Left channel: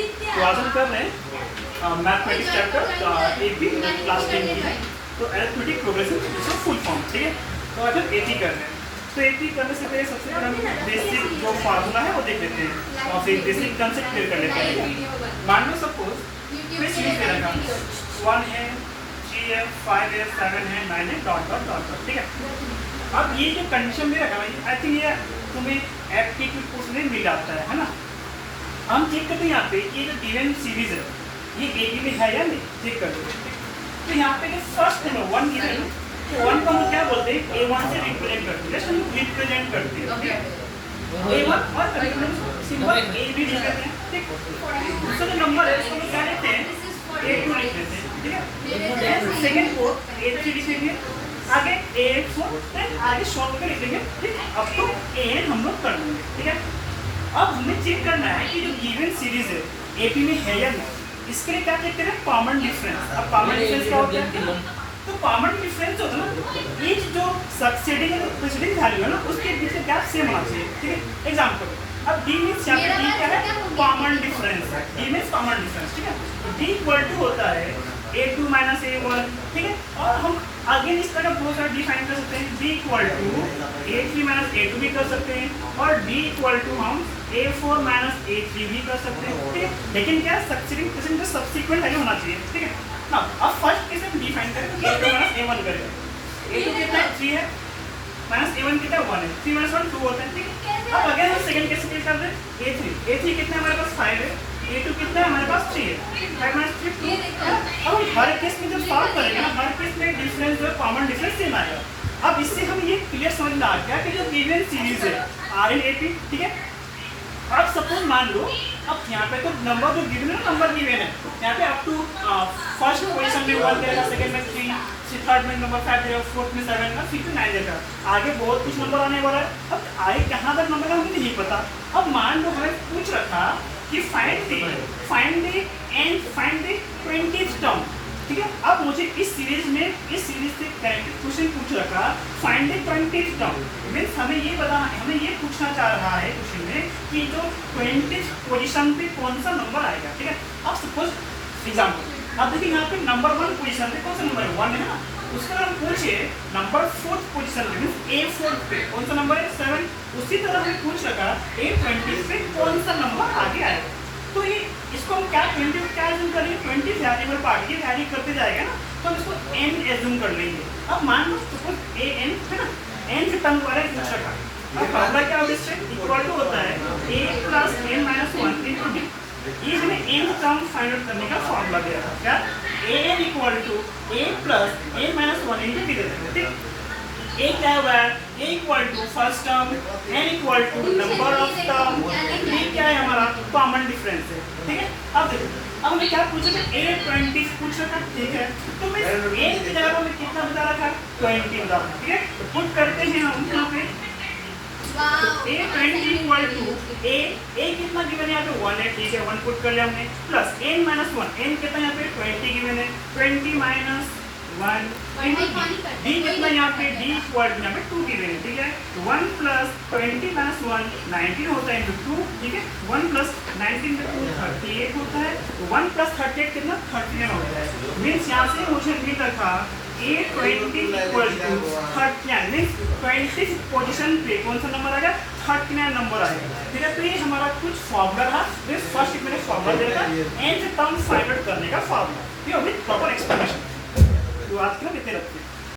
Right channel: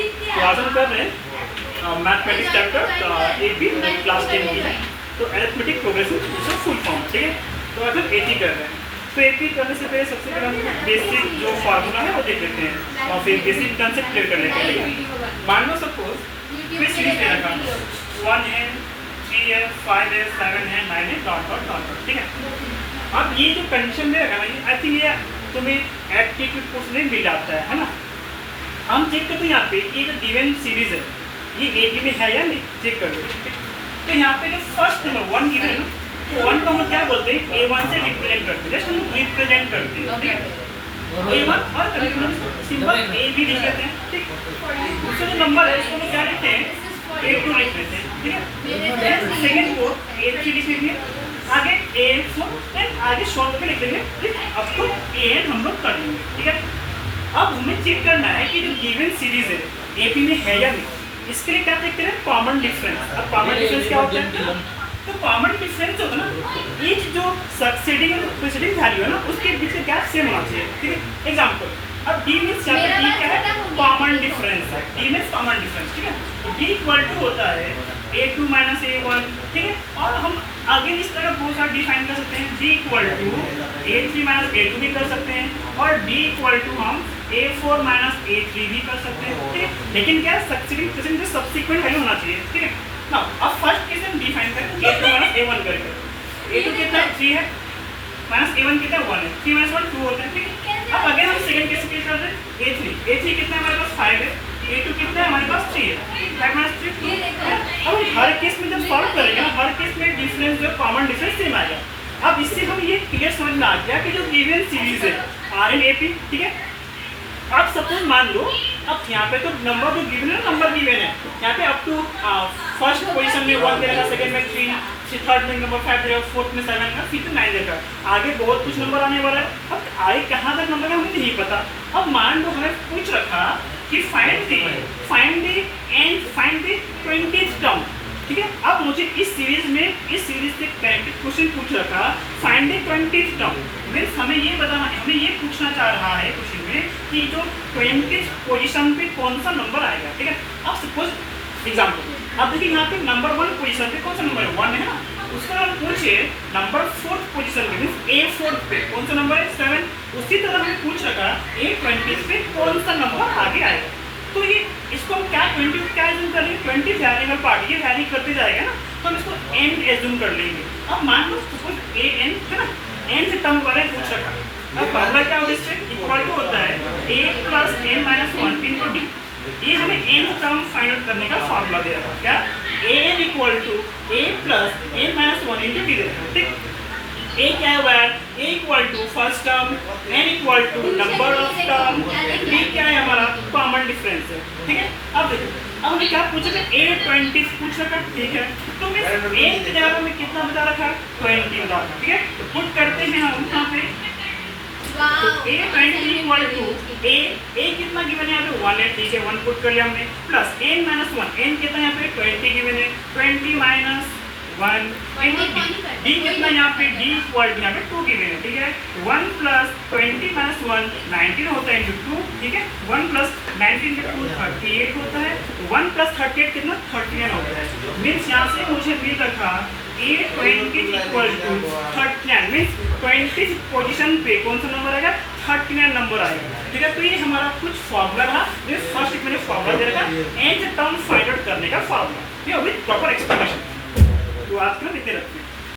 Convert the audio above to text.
तो आज हम कर रहे हैं मैथमेटिक्स चैप्टर एपी क्लास 10 की है। तो अरिथमेटिक प्रोग्रेसिव फुल फॉर्म, ठीक है। तो आज हम एपी कर रहे हैं। तो एपी करने से पहले सबसे पहले हम बेसिक जो फार्मूला है वो देख लेते हैं और फिर बेसिक कंसेप्ट क्लियर कर लेते हैं। मान लो सपोज कोई सीरीज दे रखा 1 है, 3 है, 5 है, 7 है, 9 है, डॉट डॉट डॉट डॉट, ठीक है। अब ये जो कंडीशन दे रखा ना, आई थिंक ये तुम्हें एप्टीट्यूड कोर्स में मिल जाता है ना। हम चेक करते हैं यहाँ पे ये जो गिवन सीरीज है ये एपी में है या नहीं, चेक कर लो। तो यहाँ पे जो फर्स्ट नंबर 1 गिवन है ना, तो 1 को हम क्या बोलते हैं, A1 से रिप्रेजेंट करते हैं, जस्ट हम रिप्रेजेंट करते हैं, ठीक है। A1 और सिंपल A भी लिख लेते हैं, ठीक। दूसरा जो नंबर है उसको हम क्या लिखते हैं, A2 लिख लेते हैं, ठीक है। सेकंड को A3 लिख लेंगे, आगे A4, देन आगे शॉर्ट में लिख लेंगे, ठीक। अब तो AN हम लोग कर लेंगे, ठीक है। अब हमें चेक करना है कि जो गिवन सीरीज है एपी में है या नहीं। इसके लिए क्या चेक करें, कॉमन डिफरेंस। अब कॉमन डिफरेंस क्या होता है, तो कॉमन डिफरेंस होता है ना, ईच जो सक्सीडिंग और प्रीसीडिंग वैल्यू है ना उसके बीच का गैप सेम होना चाहिए, ठीक है। एग्जांपल, अब डी मींस यहाँ पे डी क्या है, कॉमन डिफरेंस है। डी मींस कॉमन डिफरेंस, ठीक है। डी इक्वल टू होता है A2 माइनस A1, ठीक है। और हम आगे इस तरह बहुत सारा डिफाइन कर सकते हैं, D equal to A3 minus A2 भी कर सकते हैं, और D इक्वल टू हम A4 माइनस A3 भी कर सकते हैं, ठीक है। लेकिन क्या सक्सीडिंग प्रीसीडिंग का सब्सीक्वेंट वैल्यू होना चाहिए, ठीक है ना। अब फर्स्ट केस हम डिफाइन करें A2 माइनस A1 करेंगे। A2 कितना है, 3 है, माइनस A1 कितना है, 1 है। 3 माइनस 1 2 होता है, ठीक है। अब अगर हम सेकंड केस पे कर दें A3 कितना है हमारे पास, 5 है। A2 कितना है हमारे पास, 3 है। 5 माइनस 3 2। अब हम हर केस में जब सॉल्व करेंगे ना, हर केस में डिफरेंस जो है कॉमन डिफरेंस सेम आएगा। अब इससे हम ये क्लियर समझ में आ गया कि जो गिवन सीरीज है RNAP, ठीक है। अब सपोज मान लो, अब यहाँ पे तो नंबर जो गिवन है ना, नंबर गिवन है यहाँ पे अप टू फर्स्ट पोजीशन में 1 देगा, सेकंड में 3, थर्ड में नंबर 5 देगा, फोर्थ में 7 देगा, फिफ्थ में 9 देगा। आगे बहुत कुछ नंबर आने वाला है। अब आगे कहाँ तक नंबर है हमें नहीं पता। अब मान लो हमें पूछ रखा कि फाइंड द 20th टर्म, ठीक है। अब मुझे इस सीरीज से क्वेश्चन पूछ रखा find the 20th term, means हमें ये बताना है, हमें ये पूछना चाह रहा है क्वेश्चन में कि जो 20th पोजीशन पे कौन सा नंबर आएगा, ठीक है। अब सपोज एग्जांपल, अब देखिए यहाँ पे नंबर 1 पोजीशन पे कौन सा नंबर है, 1 है ना। उसका हम पूछे नंबर 4th पोजीशन पे, मीन्स A4 पे कौन सा नंबर है, 7। उसी तरह हमें पूछ रखा A20 पे कौन सा नंबर आगे आएगा। तो ये इसको हम क्या 20 क्या एज्यूम करेंगे, 20 वेरिएबल पार्ट, ये वैरी करते जाएगा ना, तो हम इसको n एज्यूम कर लेंगे। अब मान लो सपोज an है ना, n से टर्म वाले पूछ रखा। अब फार्मूला क्या होता है, इससे इक्वल टू होता है a plus n minus 1 into d। ये हमें n टर्म फाइंड आउट करने का फार्मूला दे रखा है, क्या an equal to a plus n minus 1 into d दे रखा है, ठीक। a क्या हुआ है, a equal to first term, n equal to number of term, d क्या है हमारा कॉमन डिफरेंस है, ठीक है। अब देखो, अब हमें क्या पूछा था, A20 पूछ रखा, ठीक है। तो मैं a की जगह हमें कितना बता रखा है, 20 बता रखा, ठीक है। तो पुट करते हैं हम यहाँ पे, तो A20 इक्वल टू a कितना गिवन है यहाँ पे 1 है, ठीक है। 1 पुट कर लिया हमने, प्लस n माइनस 1, n कितना यहाँ पे 20 गिवन है, 20 माइनस 1 इनटू d कितना यहाँ पे d इक्वल यहाँ पे 2 गिवन है, ठीक है। 1 प्लस 20 माइनस 1 19 होता है इनटू 2, ठीक है। 1 प्लस 19 इनटू 2 38 होता है, तो 1 प्लस 38 कितना 39 होता है। मीन्स यहाँ से मुझे मिल रखा A20 equal to 39, means 20 position पे कौन सा नंबर आएगा, 39 नंबर आएगा, ठीक है। तो ये हमारा कुछ फॉर्मूला था, जो फर्स्ट मैंने फॉर्मूला दे रखा n टर्म फाइंड आउट करने का फॉर्मूला, ये अभी प्रॉपर एक्सप्लेनेशन। तो आज के लिए इतने रखते हैं।